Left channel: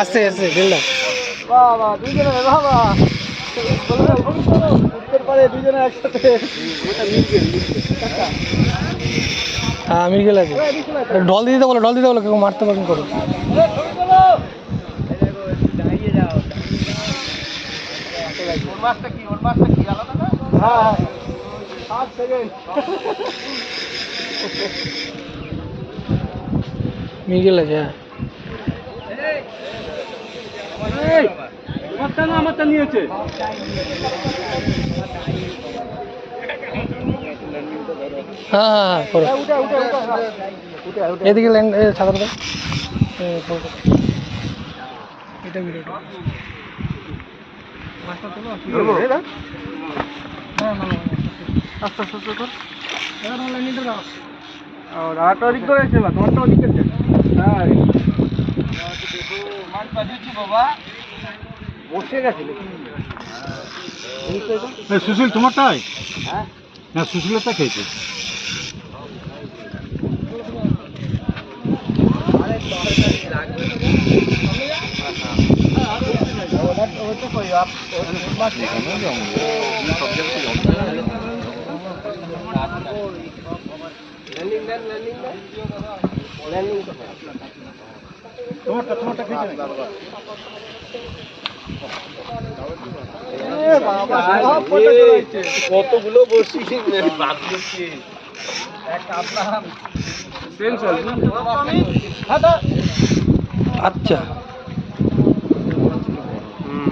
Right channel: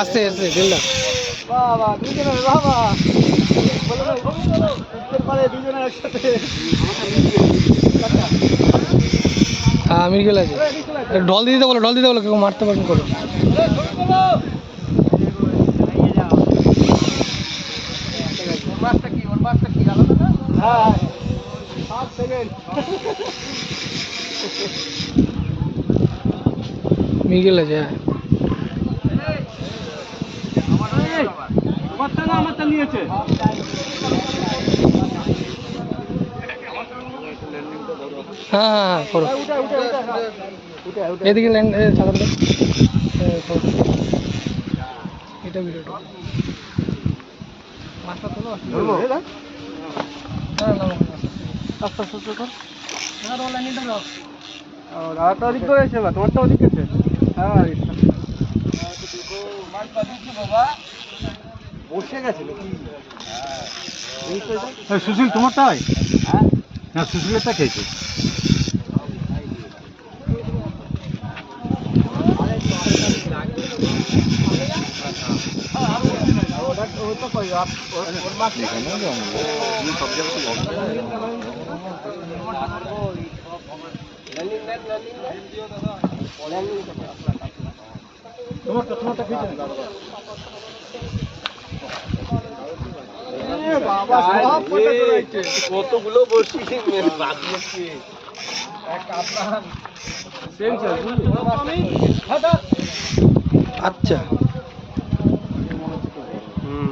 আসছে আসছে দিল্লা বাবা দুজনে বাবা উত্তর পারে দুজনে একসাথে হ্যাঁ মির্গেল আছে ঢল দিতে বলো কেউ মারতে পারবেন করো হ্যাঁ 7 সেকেন্ড মির্গেল আছে হ্যাঁ আমারটা নিয়েছে হ্যাঁ করো এদিকে ল্যান্ড সাধারণত এটা ভিডিওটা মাছটা তোলো হ্যাঁ না আস্তে আস্তে কর তোমার লাইনটা দাও রাতটা ওদিক করে এসে না তোমারটা ওদিক করছে হ্যাঁ বসে গেছে সুশীল তোমারটাই হ্যাঁ সুশীলেরটা খেয়েছে তোমারটা খেয়েছে কতগুলো বসি আচ্ছা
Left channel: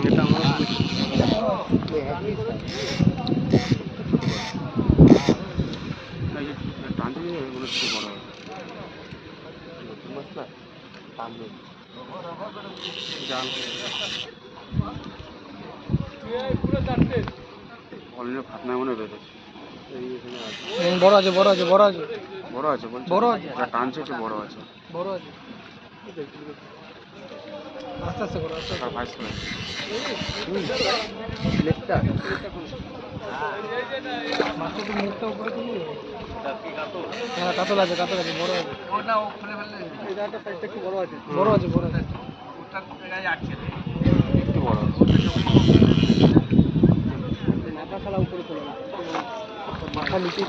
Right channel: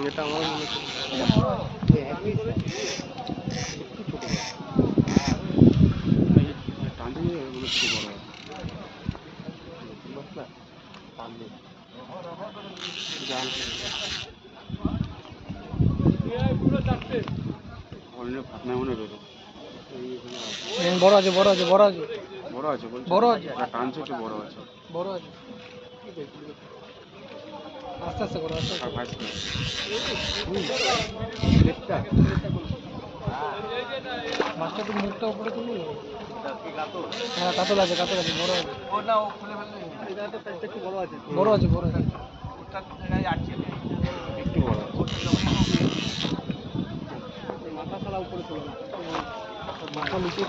এটা আমার বড় আছে বড় আছে বড় আছে টানছে একটু বড় আছে বড় আছে আস্তে আস্তে করো আস্তে আর ভাইস মাছটা তো মুখটা উপরে তুলি হ্যাঁ কাতল আছে বড় আছে বড় আছে বড় আছে একটু বড় মাথা ছাড়া উপরে চলে না মাথা নিচে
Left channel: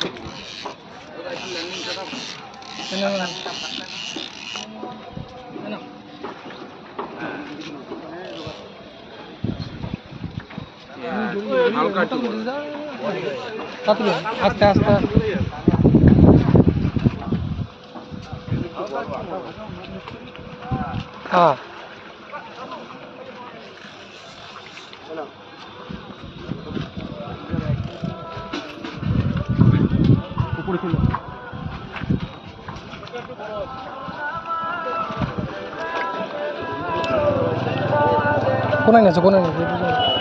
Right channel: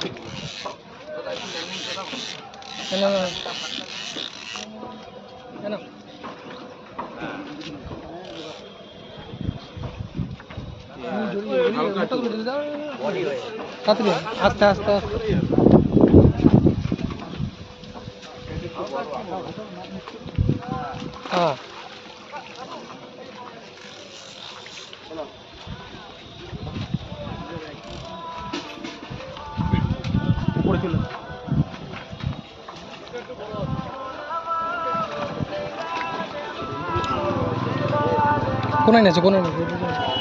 আস্তে আস্তে হ্যাঁ উপরে চলে কোনায় আছে